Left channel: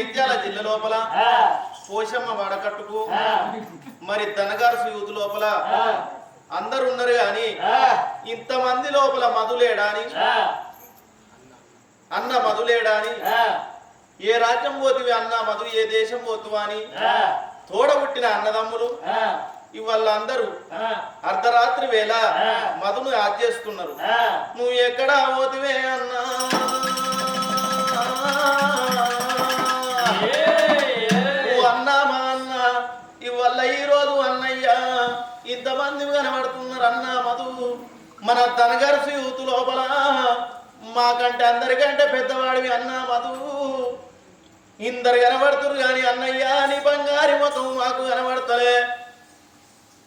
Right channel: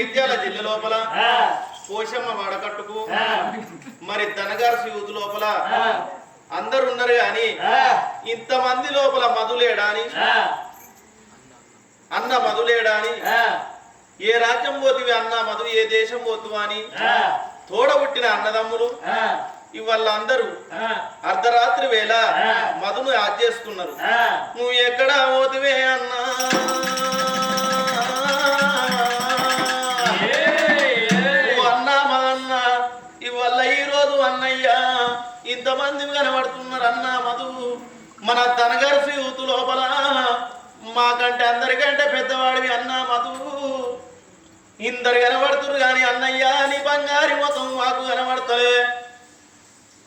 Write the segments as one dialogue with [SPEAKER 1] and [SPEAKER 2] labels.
[SPEAKER 1] జైత్యాల జిల్లా లోపల పోషమ్మ వాడకట్టుకు మరి ధనగారు యూత్ లోపల అందరు ఉన్నారు కానీ ఇంతమంది లోపల మధులేడా అని? అన్న మధులేడా అని? ఏ రాజ్యం పోతివి అన్న మధు ఏ దేశం పోతువా అని? తోడబుట్టిన అన్నదమ్ములు ఇవాళ అందరూ అర్ధరాత్రి వేళ మధును యాద్ చేస్తున్నారు. నువ్వు ఎక్కడ పోతివే అన్నా? అన్నా మా అన్న ఇవాళ ఈ రోజు అన్నయ్య ఇంతమంది కనబడుతున్నారు అన్న మధు. మన ధనగర్సి యూత్ లోపల మాకంటే అందరికంటే పెద్దవాడివి అన్న మధు. ఇందరు కనబడుతున్నారు కానీ అన్నయ్య నీ బంగారి మొత్తం మాకు కనబడతలే.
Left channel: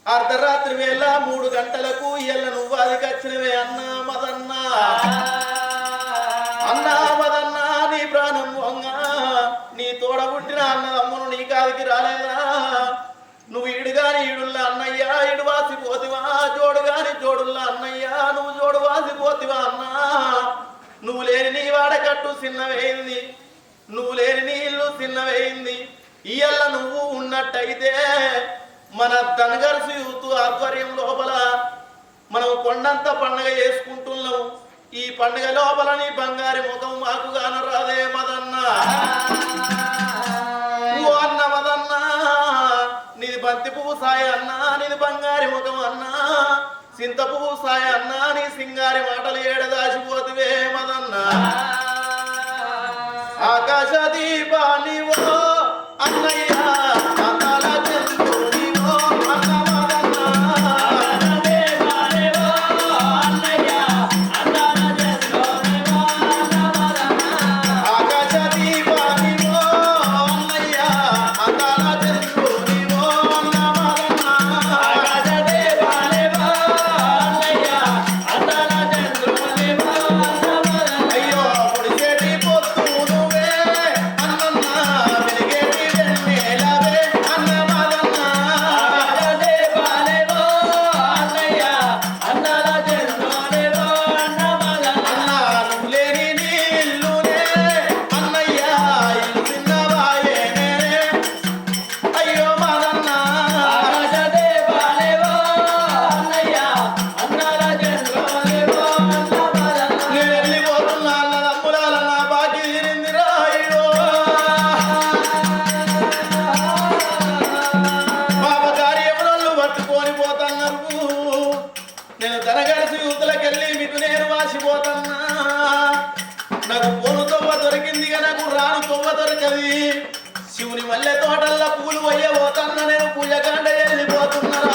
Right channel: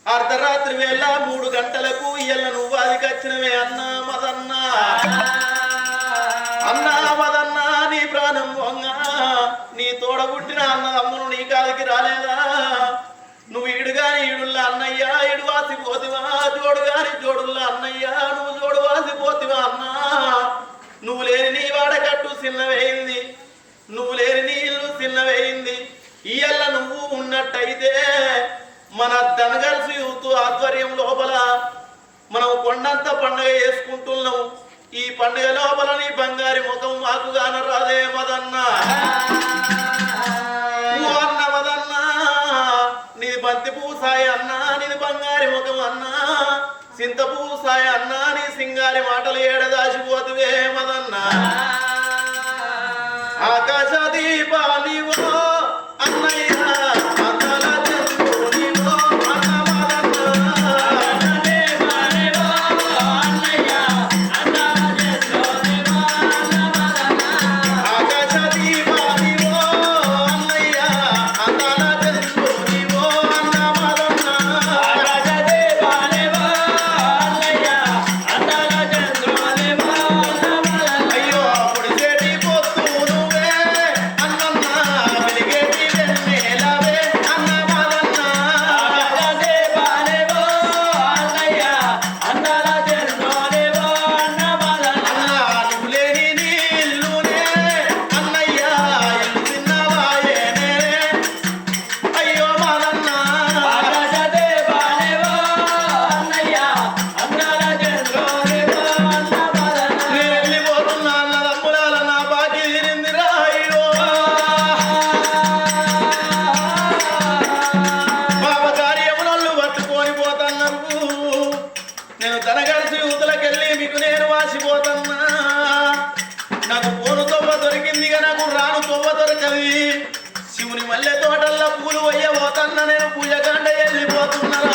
[SPEAKER 1] అర్ధరాత్రి వేళ మూడు గంటలకు ఇయ్యల నువ్వు అదికి వచ్చినవే అన్న మదన్న. అన్న ఈడుల్లా అన్నయ్య ఈడు వాసిపోతివా జోడుగాని జోడుల్లా అన్నయ్య నువ్వు జోడు వాసిపోతివా అన్నా? నువ్వు లేని నీ వాడకట్టు చిన్నవేయింది నువ్వు లేని నీ ఇల్లు చిన్నవేయింది ఇయల్ల నువ్వు ఉన్నట్టయితే మన ధనగర్సి యూత్ ఆధ్వర్యం లోపల మనం కొండంత పండుగ చేసుకుంటున్నాం. ఈ పండుగ లోపల నీ బంగారి ముఖం మాకు కానరాదే మదన్నా. బంతి పూసాయి అన్నా నీది బంగారి ముఖం అన్నా. సింత పూసాయి అన్నా నీ సింగారి మాటలు ఏడదాసిపోతువే మదన్నా. ఆకాశ దీపాని వెళ్ళిపోతున్నా నా బాకీ తీరిందిరా అయ్యో. పాప కార్యములను పట్టుకొని పోతన్నారు నేను తనగలిసి యువతలకెళ్ళి మీకు నేను వాసిపోతున్నా. నాకు పోను తొవ్వ దొరికిందిగా నాకు రాను తొవ్వ దొరకది. శివుని మల్లె తోటల్లో పూలు పోతన్న నేను పూజకాండ వెళ్ళిపోతున్నారా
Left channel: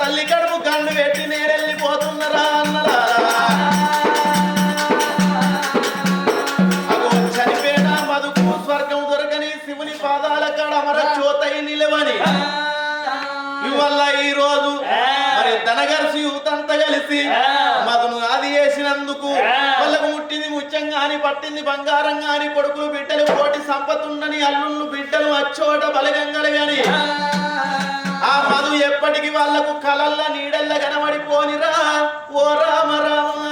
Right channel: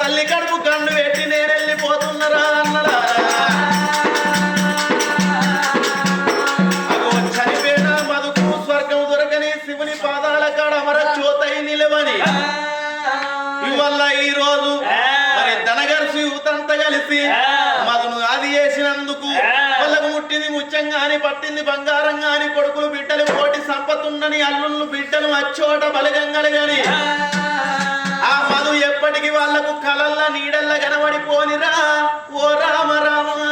[SPEAKER 1] తల్లి కడుపు కన్ను పెట్టి నేను వెళ్ళిపోతున్నరా అన్నరా. అగో చనిపోయిన బతుకు స్వర్గం దొరకని శివుని పాదాల కాడ అమర జ్యోతై నిలవని. ఇవల్ల ఈ రోజు మరి ధనగర్సి యూతంతా కలిసి మగను అది చేసినందుకు వాళ్ళకు ముట్టింది ముత్యం గాని పట్టింది బంగారం గాని కొడుకులు బిడ్డలు కోటి సంపతుండని అల్లుళ్ళు బిడ్డలు అచ్చోట బలగంగలు గాని. ఆ మధు ఎప్పటికి వాళ్ళకు కలల్లా నీడల్లా కనబడిపోనిరా. ఓ రామ రామ.